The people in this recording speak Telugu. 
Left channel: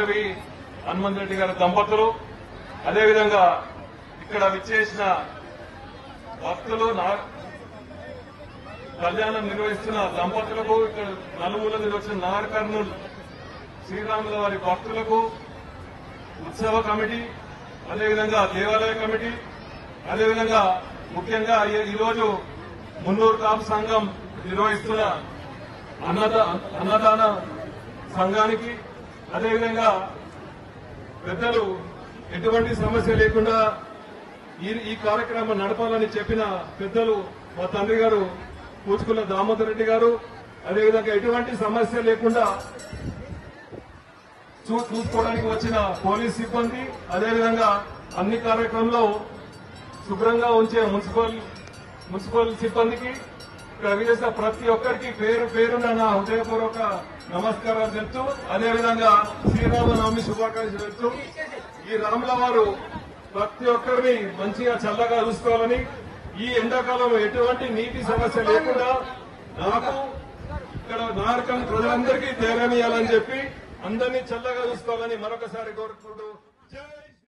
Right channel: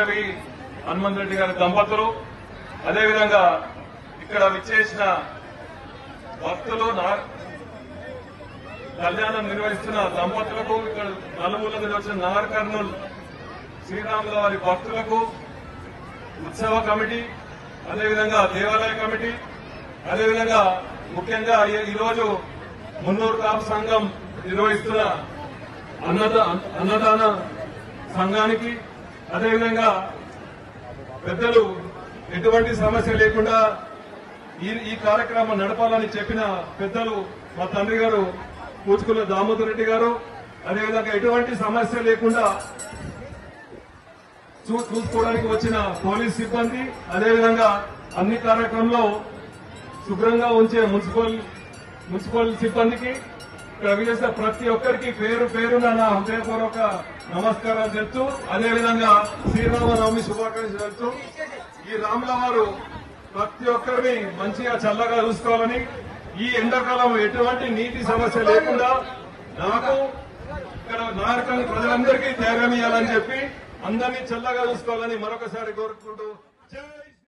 భార్గవి హనుమంత్ రెడ్డి గారి దంపతులు, అదేవిధంగా ఇక్కడ విచ్చేసిన భక్తులు, కళ్యాణం నిర్వహిస్తున్న దంపతులకు, ఇక్కడ నలుగురు నిర్వహించిన నాగర్ కర్నూలు శ్రీరాముల వారి భక్తులకు, ఉత్సవ కమిటీ, అదేవిధంగా దేవాలయ కమిటీ, అదేవిధంగా ముఖ్యంగా ఈరోజు మున్నూరు కాపు సంఘం నిర్వహిస్తున్న అన్నదాన సంఘానికి, అదేవిధంగా పెద్దలు ఎటువంటి సమస్య లేకుండా ఈ కార్యక్రమం నడపాలని చెప్పిన పెద్దలు మా తండ్రి గారు పూచుకున్న దామోదర్ రెడ్డి గారు, అదేవిధంగా ఎటువంటి సమస్య లేకుండా చూసుకోవడానికి వచ్చిన పోలీస్ సిబ్బంది, అదేవిధంగా అన్ని కార్యక్రమంలో శుభ్రంగా ఉంచే మున్సిపల్ సిబ్బందికి, ఇక్కడ విజేసిన ప్రతి ఒక్కరికి పేరు పేరున నా హృదయపూర్వక నమస్కారాలు తెలుస్తూ, అదేవిధంగా శ్రీరామనవమి శుభాకాంక్షలు తెలుస్తూ, ఈ రాముల వారు ప్రతి ఒక్కరిని మంచిగా చల్లగా చూసుకోవాలని, ఈ ఎండాకాలం ఎటువంటి నీటి సమస్య లేకుండా నాకు ఇక్కడ నార్కల్ ప్రజలందరికీ ధైర్యం ఇవ్వాలని చెప్పి అందరినీ చల్లగా చూసుకోవాలని మరొకసారి కోరుకుంటూ